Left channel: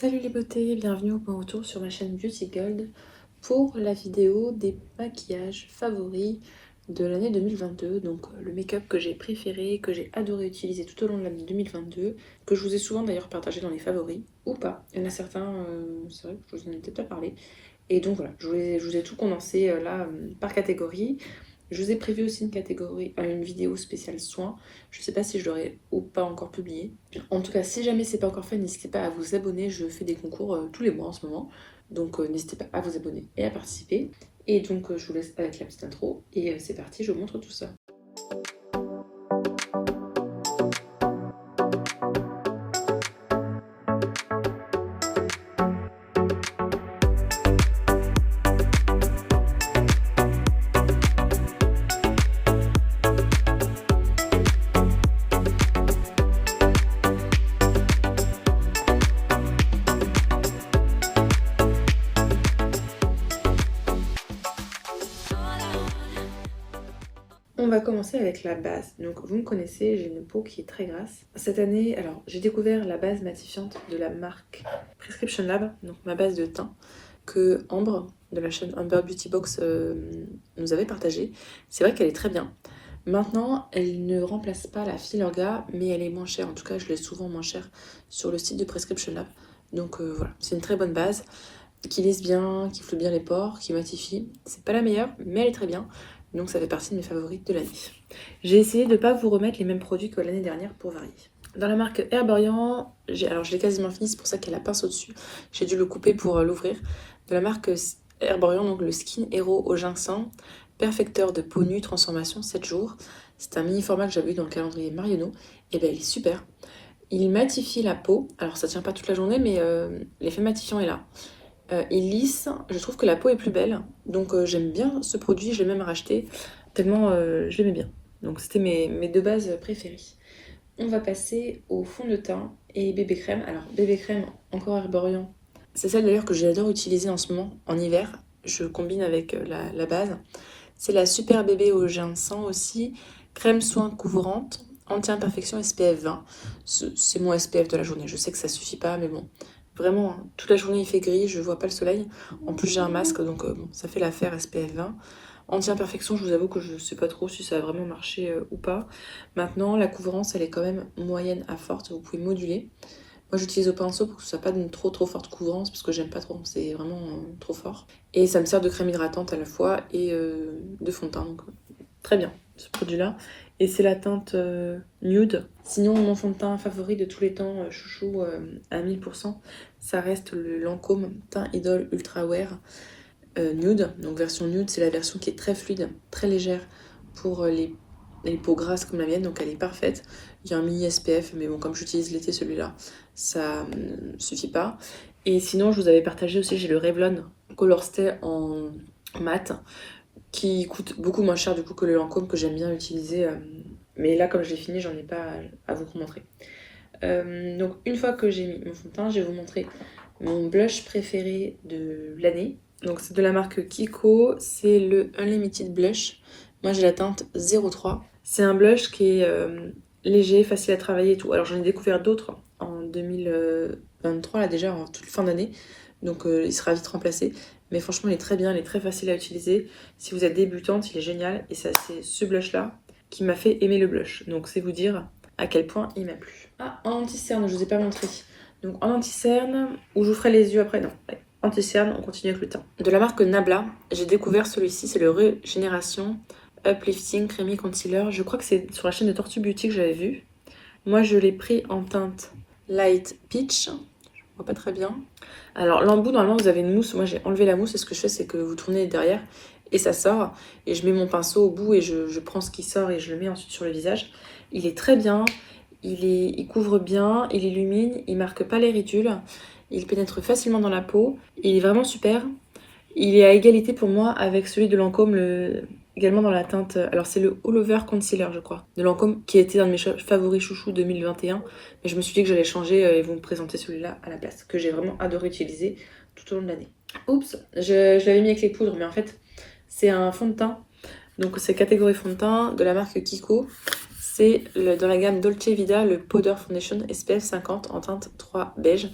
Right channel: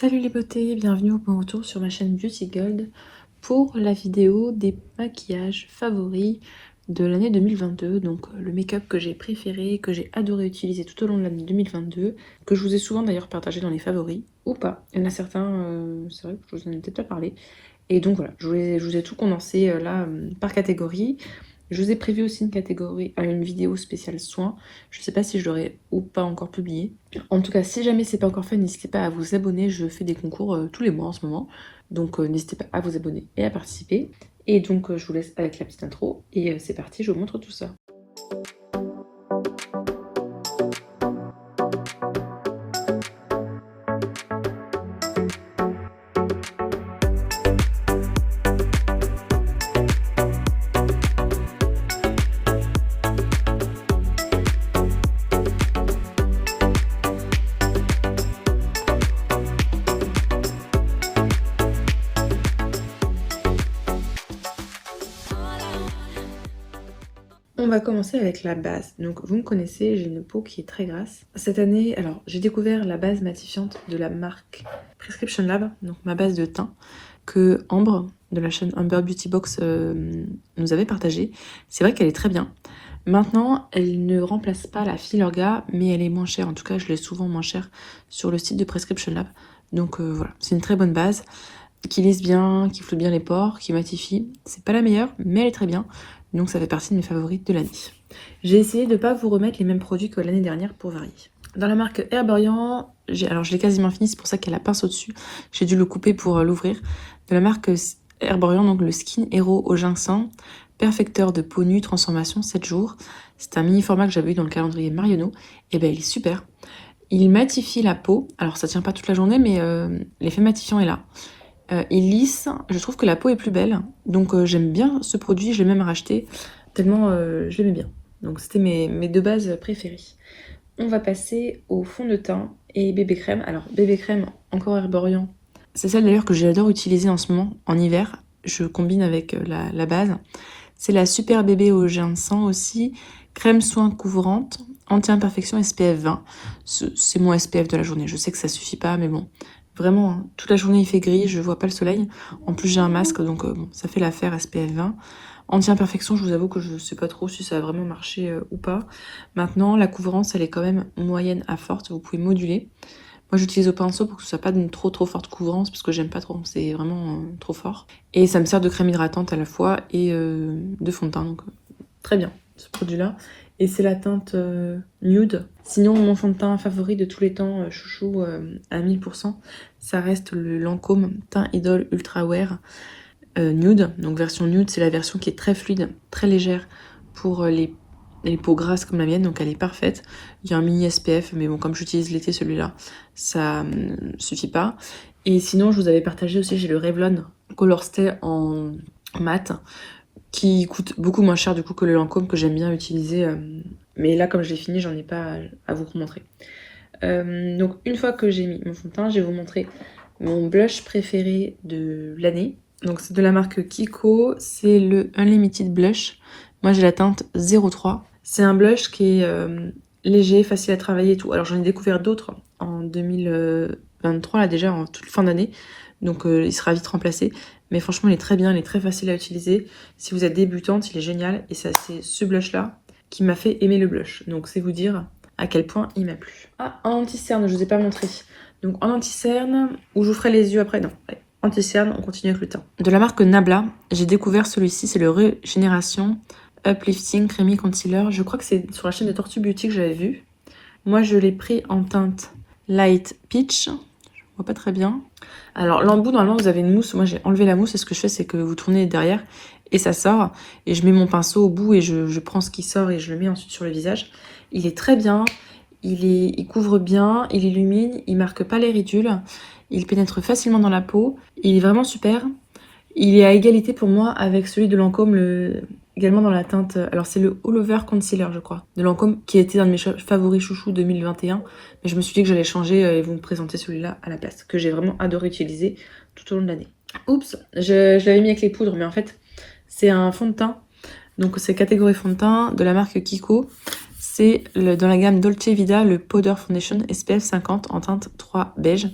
Salut les beautés, bienvenue au mon retour sur ma chaîne Beauty Gold pour la vidéo des maquillages favoris de l'année 2022. Donc le make-up que j'ai préféré, que j'ai adoré utiliser tout au long de l'année 2022, que je vous ai souvent d'ailleurs partagé dans les favoris, ou pas. Il y en a certains, c'est vrai que je vous en ai peut-être pas parlé. Et donc voilà, je vous ai tout condensé là par catégorie. Je vous ai prévu aussi une catégorie, une vidéo spéciale soins. Je ne sais pas si je l'aurai ou pas encore publié. En tout cas, si jamais c'est pas encore fait, n'hésitez pas à vous abonner. Je fais des concours tous les mois en ce moment. Donc n'hésitez pas à vous abonner et à participer. Et donc je vous laisse avec la petite intro. Et c'est parti, je vous montre tout ça. On va commencer avec la base. Donc vous me connaissez, j'ai une peau qui est très grasse. Cette année, alors j'ai découvert la base matifiante de la marque Prescription Lab, donc ma base de teint, que Ambre de la chaîne Amber Beauty Box nous avait partagée. C'est vrai qu'elle est très bien. Maintenant, elle ne remplace pas la Filorga, mais elle est moins chère. En tout cas, je l'ai souvent moins chère sur le site de Prescription Lab. Donc voilà, c'est une très bonne base qui lisse bien, qui floute bien les pores, qui matifie. C'est pas la meilleure, mais elle est très bien. Donc ça fait partie de mes favorites de l'année. J'ai essayé de ne pas vous remettre les mêmes produits que l'année dernière pour varier. Dans la marque Herborian, alors je l'ai quasiment fini, c'est pour ça qu'il y a la pince au-dessus. J'ai dû le couper pour l'ouvrir. De la marque Herborian, donc le Skin Hero au ginseng, perfecteur de peau nue, transformation 7 jours. C'est un mini format que j'avais eu dans le calendrier Marionneau. Et ben il est super. Il matifie la peau. Alors ça tient pas toute la journée, mais l'effet matifiant est là. Il lisse, je trouve que la peau est plus belle, donc j'aime bien ce produit, je l'ai même racheté, tellement je l'aimais bien. Donc c'était mes deux bases préférées. On va passer au fond de teint et bébé crème. Alors bébé crème, encore Herborian, c'est celle d'ailleurs que j'adore utiliser en ce moment, en hiver, je combine avec la base. C'est la Super Bébé au ginseng aussi, crème soin couvrante, anti-imperfection SPF 20. C'est mon SPF de la journée, je sais que ça suffit pas, mais bon. Vraiment, hein, toute la journée il fait gris, je vois pas le soleil. En plus j'ai un masque, donc bon, ça fait l'affaire SPF 20. Anti-imperfection, je vous avoue que je sais pas trop si ça a vraiment marché ou pas. Maintenant, la couvrance, elle est quand même moyenne à forte, vous pouvez moduler. Moi j'utilise au pinceau pour que ce soit pas d'une trop forte couvrance, parce que j'aime pas trop, c'est vraiment trop fort. Et ça me sert de crème hydratante à la fois et de fond de teint, donc très bien ce produit-là. Et c'est la teinte nude. Sinon, mon fond de teint favori de tous les temps, chouchou à 1000%, ça reste le Lancôme Teint Idol Ultra Wear nude. Donc version nude, c'est la version qui est très fluide, très légère pour les peaux grasses comme la mienne, donc elle est parfaite. Il y a un mini SPF, mais bon, comme j'utilise l'été celui-là, ça suffit pas. Et sinon, je vous avais partagé aussi, j'ai le Revlon Color Stay en mat, qui coûte beaucoup moins cher du coup que le Lancôme que j'aime bien utiliser. Mais là, comme je l'ai fini, j'en ai pas à vous montrer. Donc une fois que j'ai mis mon fond de teint, je vais vous montrer mon blush préféré de l'année. Donc c'est de la marque Kiko, c'est le Unlimited Blush. Moi j'ai la teinte 03. C'est un blush qui est léger, facile à travailler et tout. Alors j'en ai découvert d'autres en 2023, là déjà en toute fin d'année. Donc il sera vite remplacé. Mais franchement, il est très bien, il est très facile à utiliser. Si vous êtes débutante, il est génial. Et c'est ce blush-là qui m'a fait aimer le blush. Donc, c'est vous dire à quel point il m'a plu. Ah, en anti-cerne, je ne vous ai pas montré. Donc, en anti-cerne, ou je vous ferai les yeux après, non. Ouais. Anti-cerne, on continue avec le teint. De la marque Nabla, j'ai découvert celui-ci, c'est le Régénération Uplifting Creamy Concealer. Je crois que c'est sur la chaîne de Tortue Beauty que j'avais vu. Moi, je l'ai pris en teinte Light Peach. Je vois pas très bien. Alors l'embout, normalement vous avez une mousse, moi j'ai enlevé la mousse et ce que je fais c'est que vous tournez derrière et ça sort et je mets mon pinceau au bout et je prends ce qui sort et je le mets ensuite sur le visage. Il est très bien, il couvre bien, il illumine, il marque pas les ridules, il pénètre facilement dans la peau, il est vraiment super. Il est à égalité pour moi avec celui de Lancôme, également dans la teinte, alors c'est le All Over Concealer je crois, de Lancôme qui était un de mes favoris chouchous 2021. Mais je me suis dit que j'allais changer et vous me présenter celui-là à la place, que j'ai vraiment adoré utiliser tout au long de l'année. Oups, je l'avais mis avec les poudres, mais en fait, c'est un fond de teint. Donc c'est catégorie fond de teint de la marque Kiko. C'est dans la gamme Dolce Vita, le Powder Foundation SPF 50 en teinte 3 beige.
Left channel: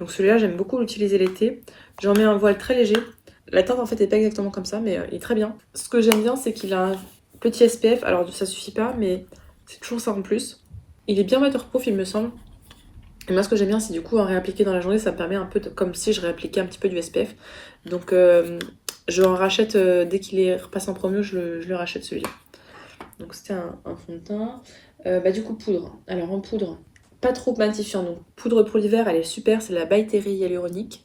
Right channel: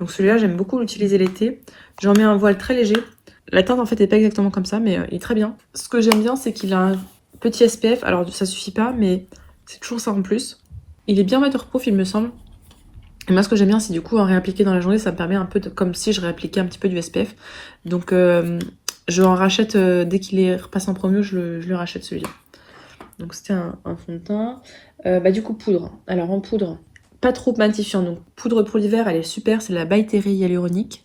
Donc celui-là, j'aime beaucoup l'utiliser l'été. J'en mets un voile très léger. La teinte, en fait, n'est pas exactement comme ça, mais il est très bien. Ce que j'aime bien, c'est qu'il a un petit SPF. Alors, ça suffit pas, mais c'est toujours ça en plus. Il est bien waterproof, il me semble. Et moi, ce que j'aime bien, c'est du coup, en réappliquer dans la journée, ça me permet un peu de, comme si je réappliquais un petit peu du SPF. Donc, je en rachète dès qu'il est repassé en promo, je le rachète celui-là. Donc, c'était un fond de teint. Du coup, poudre. Alors, en poudre, pas trop matifiant. Donc, poudre pour l'hiver, elle est super. C'est la By Terry Hyaluronique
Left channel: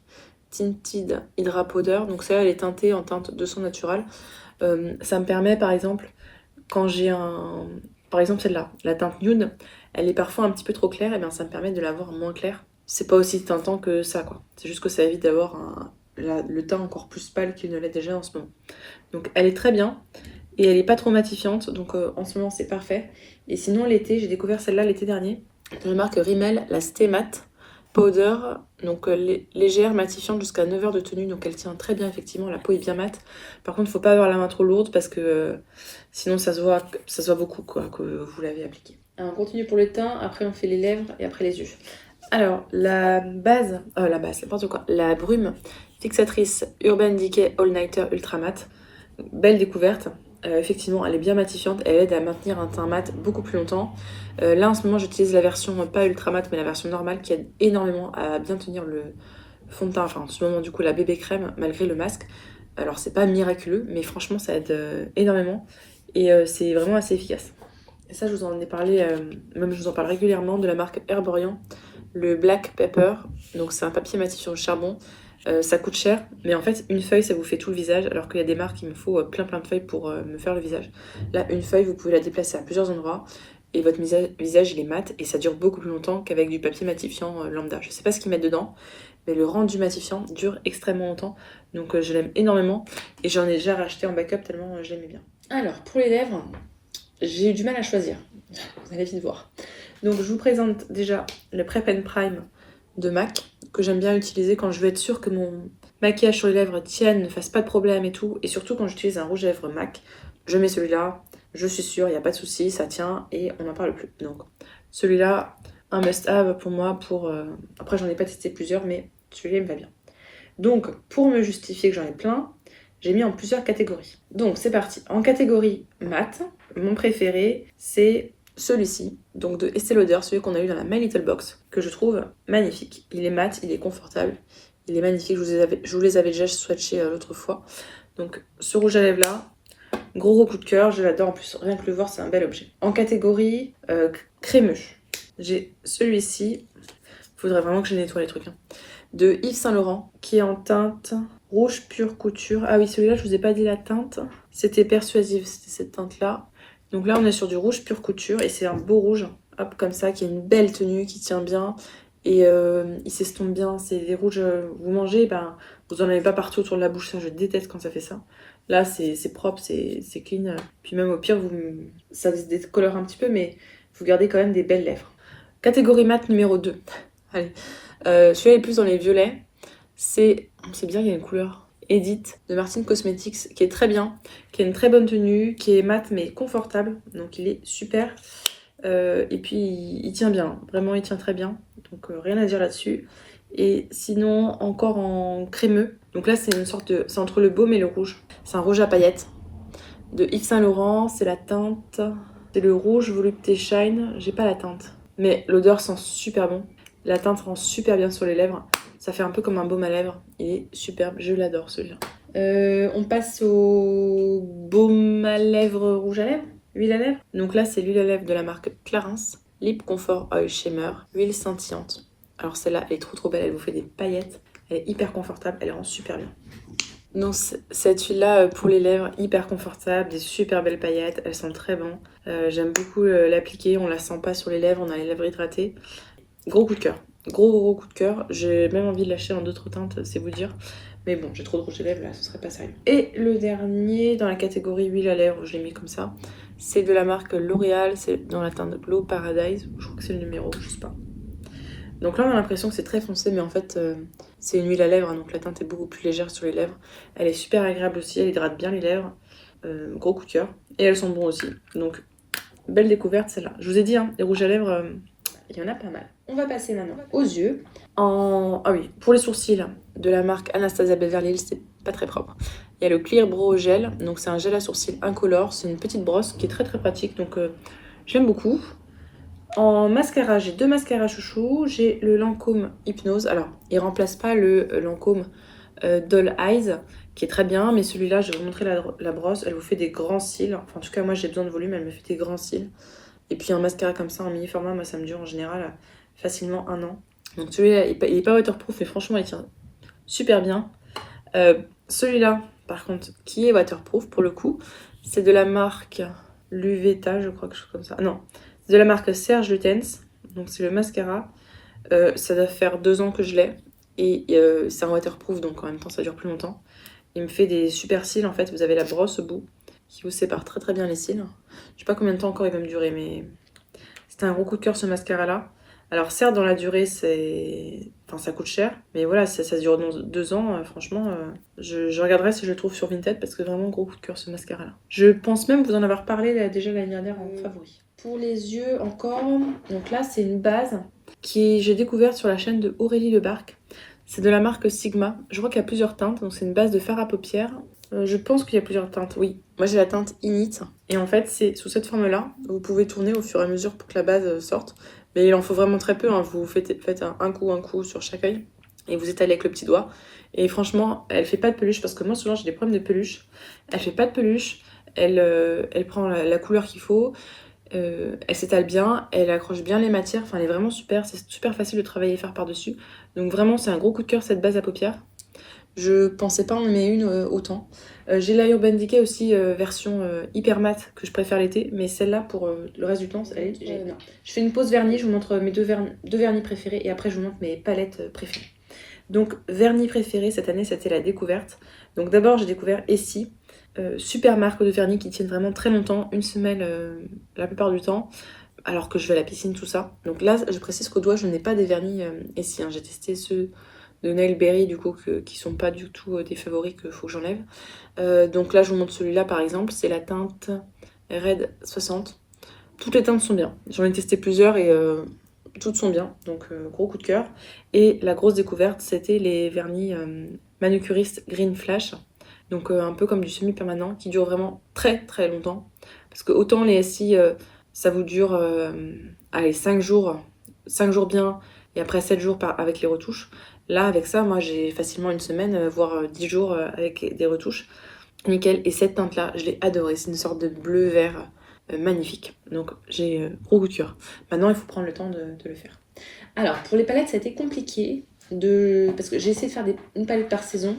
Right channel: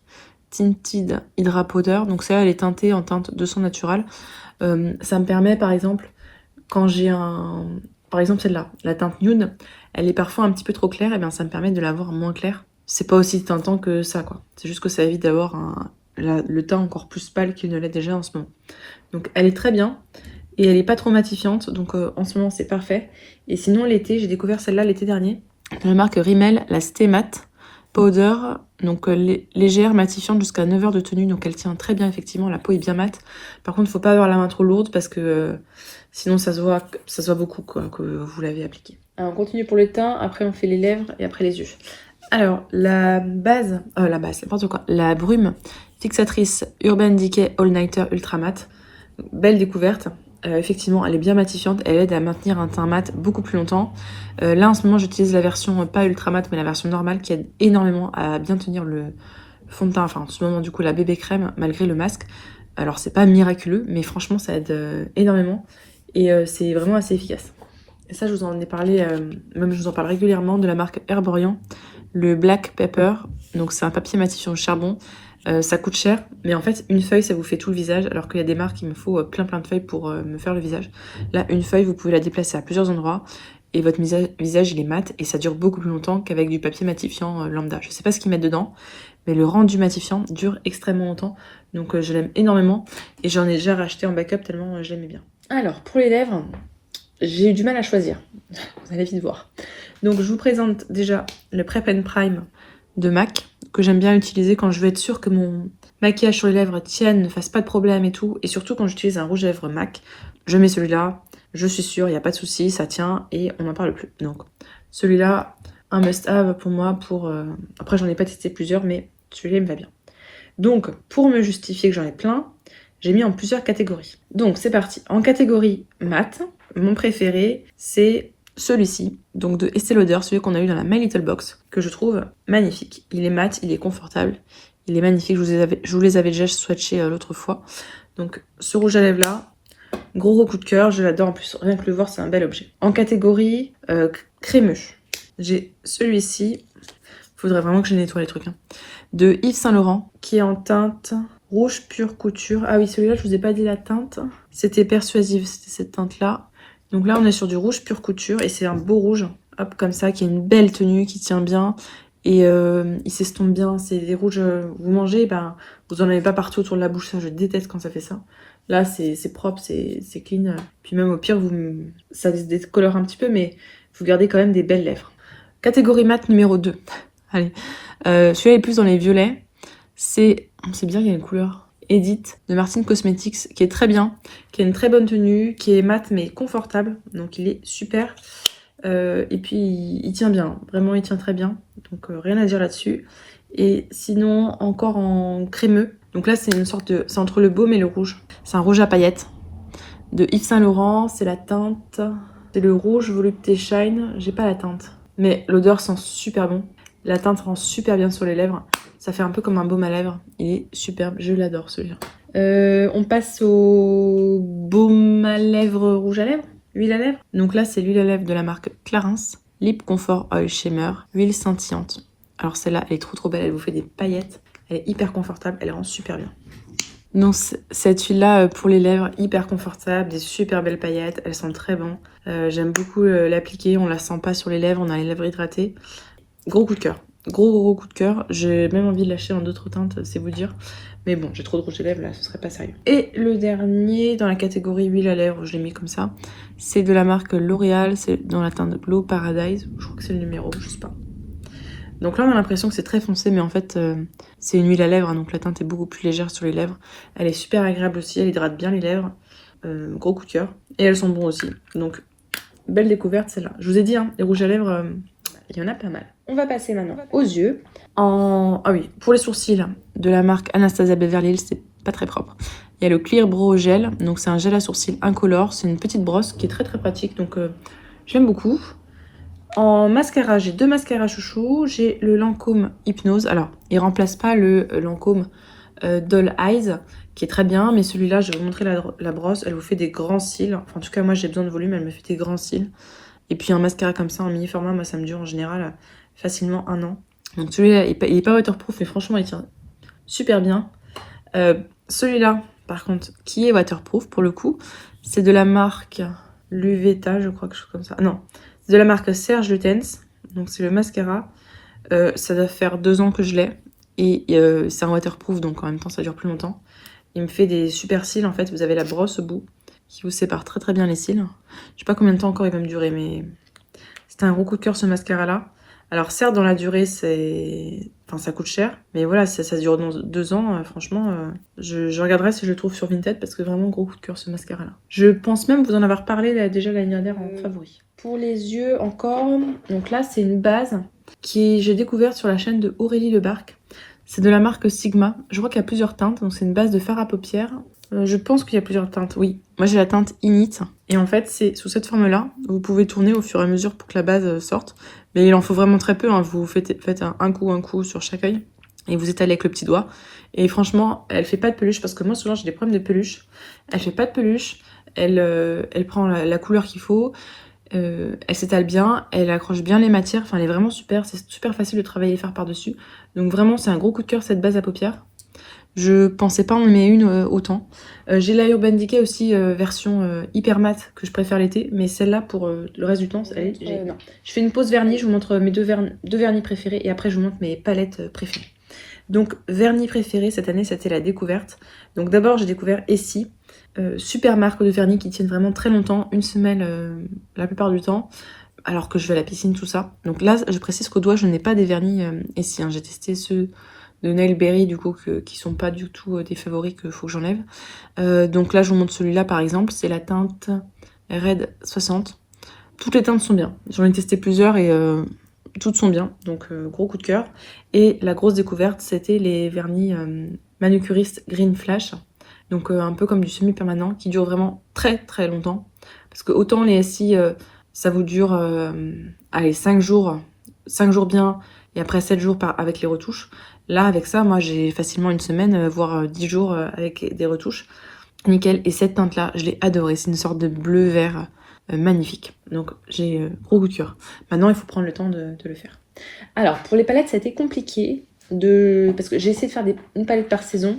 Tinted Hydra Powder. Donc, celle-là, elle est teintée en teinte de sang naturel. Ça me permet, par exemple, quand j'ai un... Par exemple, celle-là, la teinte nude, elle est parfois un petit peu trop claire, et bien ça me permet de la voir moins claire. C'est pas aussi teintant que ça, quoi. C'est juste que ça évite d'avoir le teint encore plus pâle qu'il ne l'est déjà en ce moment. Donc elle est très bien, et elle est pas trop matifiante, donc en ce moment c'est parfait. Et sinon l'été, j'ai découvert celle-là l'été dernier, de la marque Rimmel, la Stay Matte Powder, donc légère, matifiante jusqu'à 9 heures de tenue, donc elle tient très bien effectivement, la peau est bien mate. Par contre, il faut pas avoir la main trop lourde parce que sinon ça se voit beaucoup quoi, que vous l'avez appliqué. Alors, on continue pour le teint, après on fait les lèvres et après les yeux. Alors, la base, n'importe quoi, la brume fixatrice Urban Decay All Nighter Ultra Matte, belle découverte. Effectivement, elle est bien matifiante, elle aide à maintenir un teint mat beaucoup plus longtemps. Là, en ce moment, j'utilise la version pas ultra mat, mais la version normale qui aide énormément à bien tenir le fond de teint. Enfin, en ce moment, du coup, la bébé crème, malgré le masque. Alors, c'est pas miraculeux, mais franchement, ça aide énormément. Et c'est vraiment assez efficace. Et ça, je vous en ai parlé, même je vous en parle régulièrement, de la marque Herborian, le Black Pepper. Donc, c'est un papier matifiant au charbon. Ça coûte cher, mais en fait, une feuille, ça vous fait tout le visage, alors qu'il y a des marques, il me faut plein de feuilles pour me faire le visage. Là, une feuille, vous pouvez la déplacer à plusieurs endroits, et votre visage, il est mat, et ça dure beaucoup plus longtemps qu'avec du papier matifiant lambda. Je sais pas ce qu'ils mettent dedans, mais le rendu matifiant dure extrêmement longtemps, donc je l'aime énormément, et j'en ai déjà racheté en backup tellement je l'aimais bien. Alors, pour les lèvres, j'ai eu du mal à choisir, vous allez vite voir. Donc, je vous présente déjà le Prep and Prime de MAC, que j'aime bien utiliser quand je veux être sûre que mon maquillage sur les lèvres tienne, ne fasse pas de problème et tout. Et surtout quand j'utilise un rouge à lèvres MAC, je mets celui-là, je suis sûre, il n'y a pas de souci, ça tient et on n'en parle plus. Donc celui-là, un must-have pour moi. Après, j'en ai pas testé plusieurs, mais celui-là, il me va bien. Donc, pour me justifier que j'en ai plein, j'ai mis en plusieurs catégories. Donc, c'est parti. En catégorie mat, mon préféré, c'est celui-ci, donc de Estée Lauder, celui qu'on a eu dans la My Little Box, que je trouve magnifique. Il est mat, il est confortable, il est magnifique. Je vous les avais déjà swatchés l'autre fois. Donc, ce rouge à lèvres là, gros coup de cœur, je l'adore. En plus, rien que le voir, c'est un bel objet. En catégorie crémeux, j'ai celui-ci. Faudrait vraiment que je nettoie les trucs. De Yves Saint Laurent, qui est en teinte rouge pure couture. Ah oui, celui-là, je vous ai pas dit la teinte. C'était Persuasive, c'était cette teinte-là. Donc là, on est sur du rouge pure couture et c'est un beau rouge, hop, comme ça, qui a une belle tenue, qui tient bien et il s'estompe bien. C'est des rouges, vous mangez, ben, vous en avez pas partout autour de la bouche, ça, je déteste quand ça fait ça. Là, c'est propre, c'est clean. Puis même au pire, ça se décolore un petit peu, mais vous gardez quand même des belles lèvres. Catégorie mat numéro 2. Allez, celui-là est plus dans les violets. C'est bien, il y a une couleur Edit de Martine Cosmetics qui est très bien, qui a une très bonne tenue, qui est mat mais confortable, donc il est super. Et puis il tient bien, vraiment il tient très bien, donc rien à dire là-dessus. Et sinon encore en crémeux, donc là c'est une sorte de, c'est entre le baume et le rouge. C'est un rouge à paillettes de Yves Saint Laurent, c'est la teinte, c'est le rouge Volupté Shine, j'ai pas la teinte, mais l'odeur sent super bon. La teinte rend super bien sur les lèvres. Ça fait un peu comme un baume à lèvres. Il est superbe. Je l'adore celui-là. On passe au baume à lèvres rouge à lèvres. Huile à lèvres. Donc là, c'est l'huile à lèvres de la marque Clarins. Lip Comfort Oil Shimmer. Huile scintillante. Alors celle-là, elle est trop belle. Elle vous fait des paillettes. Elle est hyper confortable. Elle rend super bien. Donc cette huile-là pour les lèvres, hyper confortable. Des super belles paillettes. Elles sont très bon. J'aime beaucoup l'appliquer. On la sent pas sur les lèvres. On a les lèvres hydratées. Gros coup de cœur. Gros coup de cœur. J'ai même envie de l'acheter en d'autres teintes, c'est vous dire. Mais bon, j'ai trop de rouge à lèvres là, ce serait pas sérieux. Et le dernier, dans la catégorie huile à lèvres, je l'ai mis comme ça. C'est de la marque L'Oréal, c'est dans la teinte Glow Paradise. Je crois que c'est le numéro, je sais pas. Donc là, on a l'impression que c'est très foncé, mais en fait, c'est une huile à lèvres, hein, donc la teinte est beaucoup plus légère sur les lèvres. Elle est super agréable aussi, elle hydrate bien les lèvres. Gros coup de cœur. Et elles sont bonnes aussi. Donc, belle découverte celle-là. Je vous ai dit, hein, les rouges à lèvres, il y en a pas mal. On va passer maintenant aux yeux. Ah oui, pour les sourcils de la marque Anastasia Beverly Hills, c'est pas très propre. Il y a le Clear Brow Gel, donc c'est un gel à sourcils incolore. C'est une petite brosse qui est très pratique, donc je l'aime beaucoup. En mascara, j'ai 2 mascaras chouchou. J'ai le Lancôme Hypnose. Alors, il remplace pas le Lancôme Doll Eyes, qui est très bien, mais celui-là, je vais vous montrer la brosse. Elle vous fait des grands cils. Enfin, en tout cas, moi, j'ai besoin de volume, elle me fait des grands cils. Et puis, un mascara comme ça, en mini format, moi, ça me dure en général facilement 1 an. Donc, celui-là, il est pas waterproof, mais franchement, il tient super bien. Celui-là, par contre, qui est waterproof, pour le coup, c'est de la marque Luveta, je crois, quelque chose comme ça. Non, c'est de la marque Serge Lutens. Donc, c'est le mascara. Ça doit faire 2 ans que je l'ai. Et c'est un waterproof, donc en même temps, ça dure plus longtemps. Il me fait des super cils, en fait. Vous avez la brosse au bout qui vous sépare très bien les cils. Je sais pas combien de temps encore il va me durer, mais c'était un gros coup de cœur, ce mascara-là. Alors, certes, dans la durée, enfin, ça coûte cher. Mais voilà, ça dure dans 2 ans. Franchement, je regarderai si je le trouve sur Vinted parce que vraiment, gros coup de cœur, ce mascara-là. Je pense même vous en avoir parlé là, déjà l'année dernière en favori. Pour les yeux, encore. Donc là, c'est une base j'ai découverte sur la chaîne de Aurélie Lebarc. C'est de la marque Sigma. Je crois qu'il y a plusieurs teintes. Donc, c'est une base de fard à paupières. Je pense qu'il y a plusieurs teintes, oui. Moi, j'ai la teinte Init. Et en fait, c'est sous cette forme-là. Vous pouvez tourner au fur et à mesure pour que la base sorte. Mais il en faut vraiment très peu. Hein. Vous faites un coup sur chaque œil. Et vous étalez avec le petit doigt. Et franchement, elle fait pas de peluche. Parce que moi, souvent, j'ai des problèmes de peluche. Elle fait pas de peluche. Elle prend la couleur qu'il faut. Elle s'étale bien. Elle accroche bien les matières. Enfin, elle est vraiment super. C'est super facile de travailler les fards par-dessus. Donc vraiment, c'est un gros coup de cœur, cette base à paupières. Je pensais pas en aimer une autant. J'ai la Urban Decay aussi, version hyper mat, que je préfère l'été. Mais celle-là, pour le reste du temps, non. Je fais une pause vernis, je vous montre mes deux vernis préférés. Et après, je vous montre mes palettes préférées. Donc, vernis préféré, cette année, c'était la découverte. Donc d'abord, j'ai découvert Essie. Super marque de vernis qui tiennent vraiment très longtemps. 1 semaine la plupart du temps. Alors que je vais à la piscine, tout ça. Donc là, je précise qu'au doigt, je n'ai pas des vernis Essie. Hein. J'ai testé ceux de Nail Berry, du coup, qui sont pas du tout des favoris qu'il faut que j'enlève. Donc là, je vous montre celui-là, par exemple. C'est la teinte Red 60. Toutes les teintes sont bien. J'en ai testé plusieurs et toutes sont bien. Donc, gros coup de cœur. Et la grosse découverte, c'était les vernis manucuristes Green Flash. Donc, un peu comme du semi-permanent, qui dure vraiment très longtemps. Parce que autant les SI, ça vous dure, allez, 5 jours. 5 jours bien, et après 7 jours avec les retouches. Là, avec ça, moi, j'ai facilement 1 semaine, voire 10 jours avec des retouches. Nickel. Et cette teinte-là, je l'ai adorée. C'est une sorte de bleu-vert magnifique. Donc, j'ai gros coup de cœur. Maintenant, il faut prendre le temps de le faire. Alors, pour les palettes, ça a été compliqué. Parce que j'ai essayé de faire une palette par saison.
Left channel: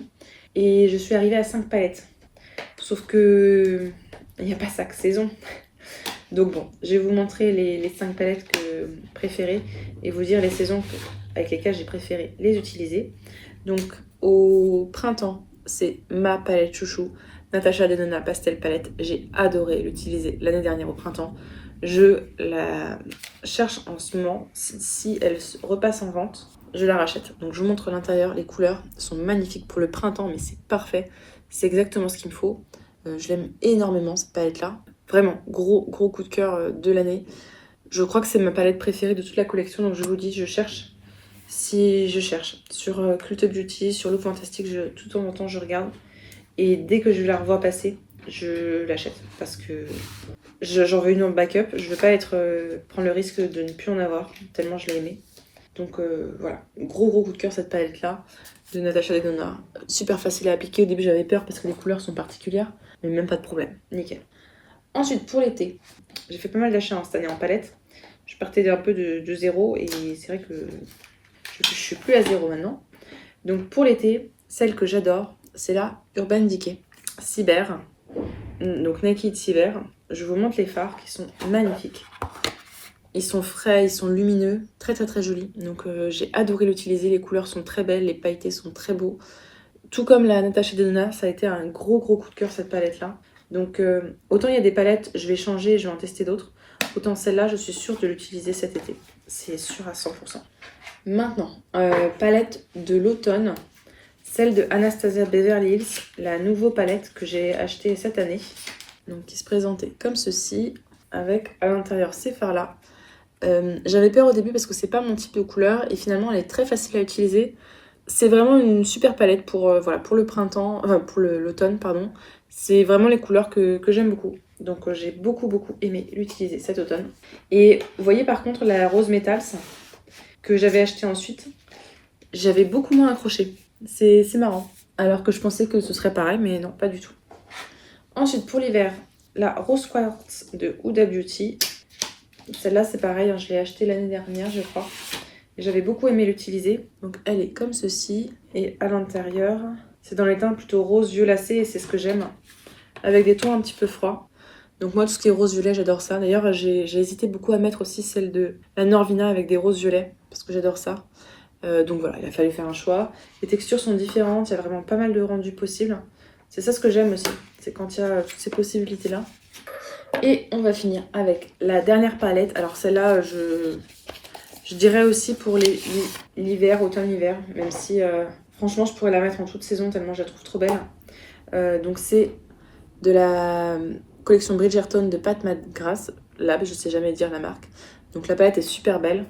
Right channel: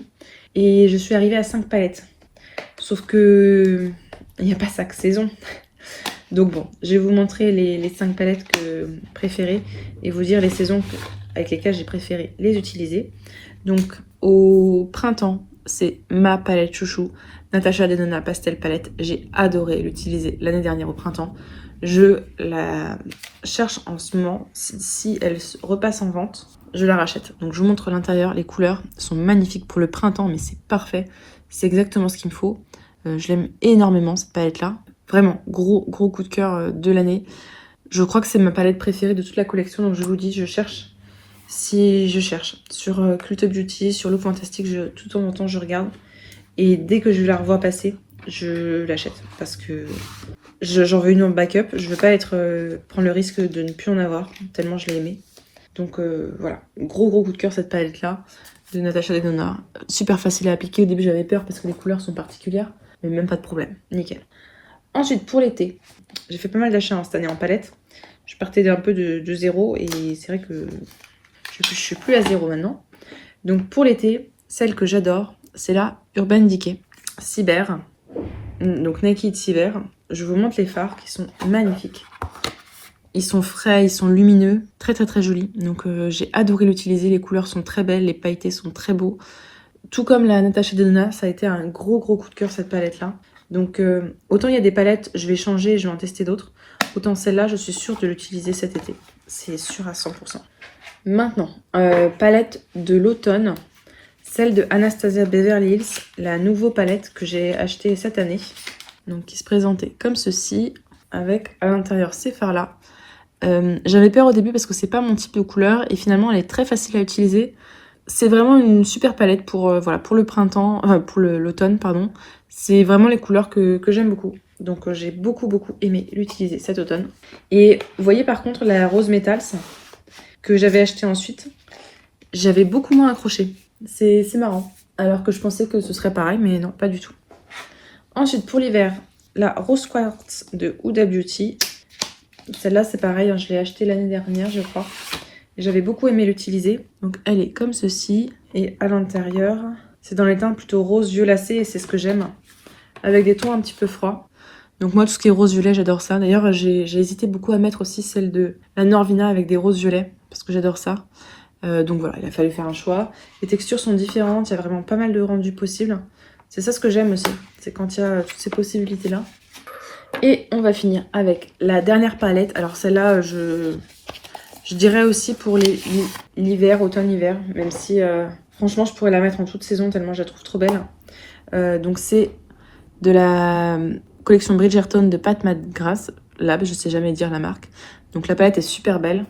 Et je suis arrivée à 5 palettes. Sauf que il n'y a pas 5 saisons. Donc bon, je vais vous montrer les 5 palettes préférées et vous dire les saisons avec lesquelles j'ai préféré les utiliser. Donc au printemps, c'est ma palette chouchou, Natasha Denona Pastel Palette. J'ai adoré l'utiliser l'année dernière au printemps. Je la cherche en ce moment. Si elle repasse en vente, je la rachète. Donc je vous montre l'intérieur. Les couleurs sont magnifiques pour le printemps, mais c'est parfait. C'est exactement ce qu'il me faut. Je l'aime énormément, cette palette-là. Vraiment, gros coup de cœur de l'année. Je crois que c'est ma palette préférée de toute la collection. Donc je vous dis, je cherche. Si je cherche sur Cult Beauty, sur Look Fantastic, tout en temps je regarde. Et dès que je la revois passer, je l'achète. Parce que j'en veux une en backup. Je veux pas prendre le risque de ne plus en avoir, tellement je l'ai aimée. Donc voilà, gros coup de cœur cette palette-là de Natasha Denona. Super facile à appliquer. Au début j'avais peur parce que les couleurs sont particulières. Mais même pas de problème, nickel. Ensuite, pour l'été, j'ai fait pas mal d'achats cette année en palette. Je partais un peu de zéro et c'est vrai que je suis plus à zéro maintenant. Donc pour l'été, celle que j'adore, c'est la Urban Decay Cyber. Donc Naked Cyber. Je vous montre les fards qui sont magnifiques. Ils sont frais, ils sont lumineux, très jolis. Donc j'ai adoré l'utiliser, les couleurs sont très belles, les pailletés sont très beaux. Tout comme la Natasha Denona, ça a été un gros coup de cœur cette palette-là. Donc autant il y a des palettes, je vais changer, je vais en tester d'autres. Autant celle-là, je suis sûre de l'utiliser cet été. C'est sûr à 100%. Maintenant, palette de l'automne. Celle de Anastasia Beverly Hills, la nouvelle palette que j'ai achetée cette année. Donc qui se présentait comme ceci, avec à l'intérieur ces fards-là. J'avais peur au début parce que c'est pas mon type de couleur et finalement elle est très facile à utiliser. C'est vraiment une super palette pour, voilà, pour le printemps, pour l'automne, pardon. C'est vraiment les couleurs que j'aime beaucoup. Donc j'ai beaucoup aimé l'utiliser cet automne. Et vous voyez par contre la rose metals que j'avais acheté ensuite, j'avais beaucoup moins accroché. C'est marrant. Alors que je pensais que ce serait pareil, mais non, pas du tout. Ensuite pour l'hiver, la Rose Quartz de Huda Beauty. Celle-là c'est pareil, hein, je l'ai achetée l'année dernière je crois. J'avais beaucoup aimé l'utiliser. Donc elle est comme ceci. Et à l'intérieur, c'est dans les teintes plutôt rose violacé et c'est ce que j'aime. Avec des tons un petit peu froids. Donc moi tout ce qui est rose violet j'adore ça. D'ailleurs j'ai hésité beaucoup à mettre aussi celle de la Norvina avec des roses violets. Parce que j'adore ça. Donc voilà, il a fallu faire un choix. Les textures sont différentes, il y a vraiment pas mal de rendus possibles. C'est ça ce que j'aime aussi. C'est quand il y a toutes ces possibilités là. Et on va finir avec la dernière palette. Alors celle-là je dirais aussi pour l'hiver, automne-hiver, même si franchement je pourrais la mettre en toute saison tellement je la trouve trop belle. Donc c'est de la collection Bridgerton de Pat McGrath, là je sais jamais dire la marque. Donc la palette est super belle,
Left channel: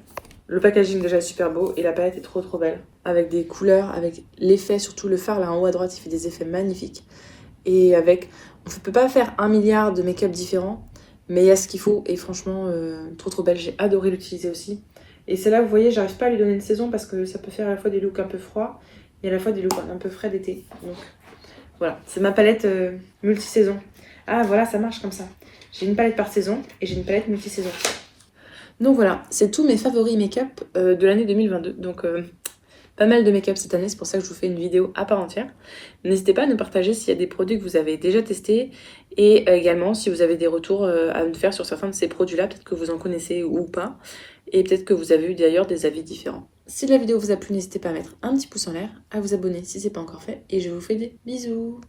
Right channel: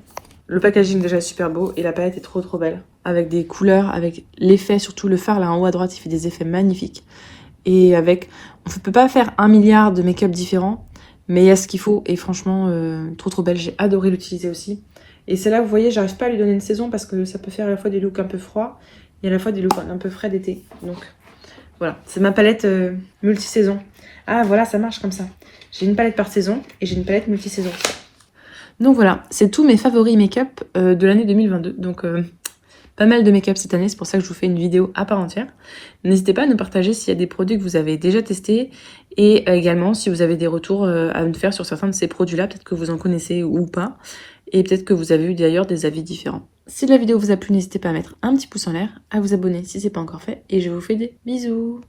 le packaging déjà est super beau et la palette est trop belle. Avec des couleurs, avec l'effet, surtout le fard là en haut à droite il fait des effets magnifiques. Et avec, on ne peut pas faire 1 milliard de make-up différents, mais il y a ce qu'il faut et franchement trop belle, j'ai adoré l'utiliser aussi. Et c'est là, vous voyez, j'arrive pas à lui donner une saison parce que ça peut faire à la fois des looks un peu froids et à la fois des looks un peu frais d'été. Donc voilà, c'est ma palette multi-saison. Ah voilà, ça marche comme ça. J'ai une palette par saison et j'ai une palette multi-saison. Donc voilà, c'est tous mes favoris make-up de l'année 2022. Donc pas mal de make-up cette année, c'est pour ça que je vous fais une vidéo à part entière. N'hésitez pas à nous partager s'il y a des produits que vous avez déjà testés et également si vous avez des retours à me faire sur certains de ces produits-là, peut-être que vous en connaissez ou pas. Et peut-être que vous avez eu d'ailleurs des avis différents. Si la vidéo vous a plu, n'hésitez pas à mettre un petit pouce en l'air, à vous abonner si ce n'est pas encore fait. Et je vous fais des bisous.